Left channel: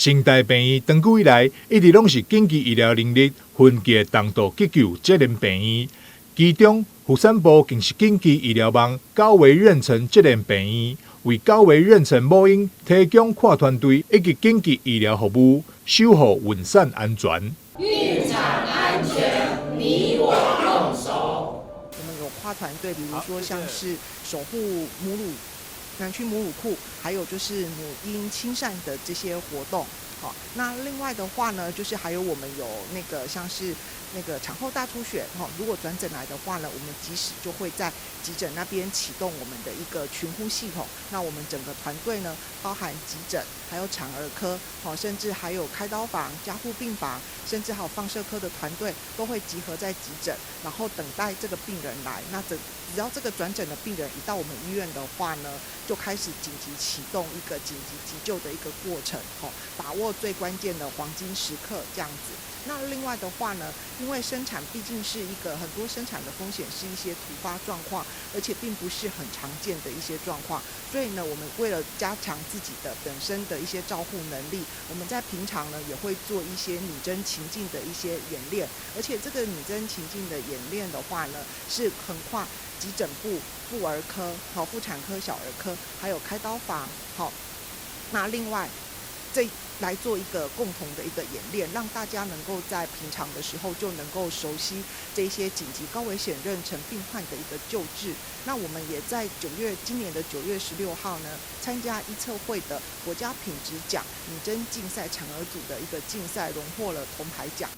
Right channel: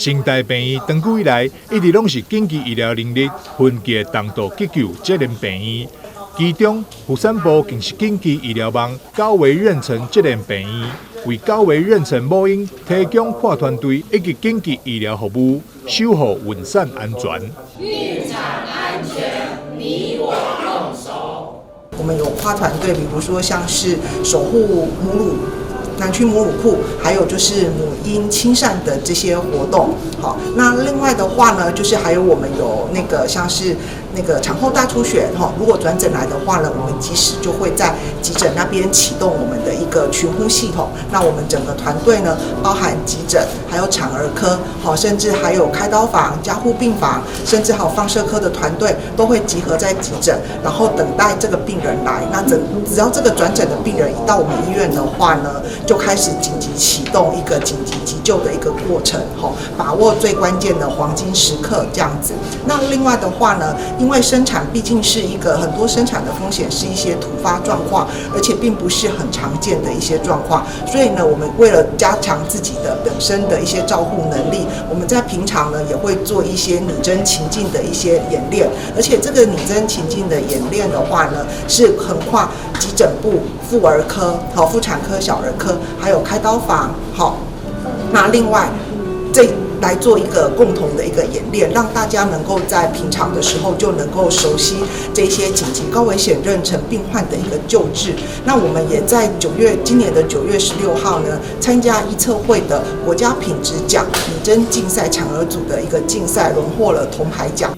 新台病院长久以来一直拢是紧急医疗能力分级重度急救责任病院，其中妇产部更是紧急医疗网较为妊娠责任病院，为较为妊娠母婴提供跨团队以及紧急医疗服务，守护孕产安全。孕产安全，你我共守。我们有跨团队，比如说像是守护母乳。南区母乳库，还有就是母婴亲善的这些活动，好，那另外的话呢，就是还有我们有那个像是那个产后大出血，哈，如果转诊来的话呢，我们及时就会在急诊那边启动我们的一个群呼系统。那我们整个团队呢，包含急诊，还有产儿科，好，甚至还有开刀房、加护病房，甚至还有放射科的团队都会集合在急诊，然后等待这个病人来。那只要这个转诊的病人一到我们医院的话呢，就开始紧急启动一个紧急急救的一个过程，把握最关键的黄金时刻这样子。那另外的话呢，因为生产毕竟是一个很多生产的风险是一些突发状况，而且并不是很常见的一些状况，所以呢，我们为了加强自己的本身的一些照护能力，我们在平常呢也会做一些拟真情境的一些演练，而且这个拟真情境的演练的话呢，是横跨急诊部、妇儿科、妇产科、小儿科，还有开刀房，那另外这来做一个共同的一个演练，让大家能够在平常的时候就能够熟悉这些紧急高危险妊娠病患的一个救治。那我们也在今年的9月16号呢，参加医策会的国家品质奖拟真竞赛产儿组的一个竞赛，荣获了铜牌奖。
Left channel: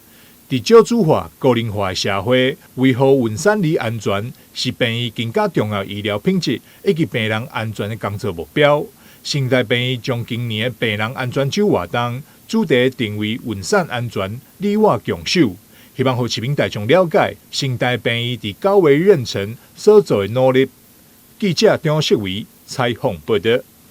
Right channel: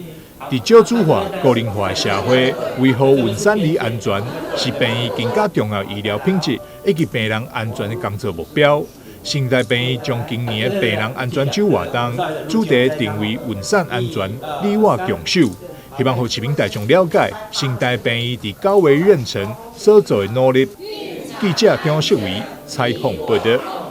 在少子化、高龄化的社会，维护孕产儿安全是病院更加重要医疗品质以及病人安全的工作目标。新台病院将今年的病人安全周活动主题定为孕产安全，你我共守，希望让市民大众了解新台病院在高危妊娠所做的努力。记者张世维采访报道。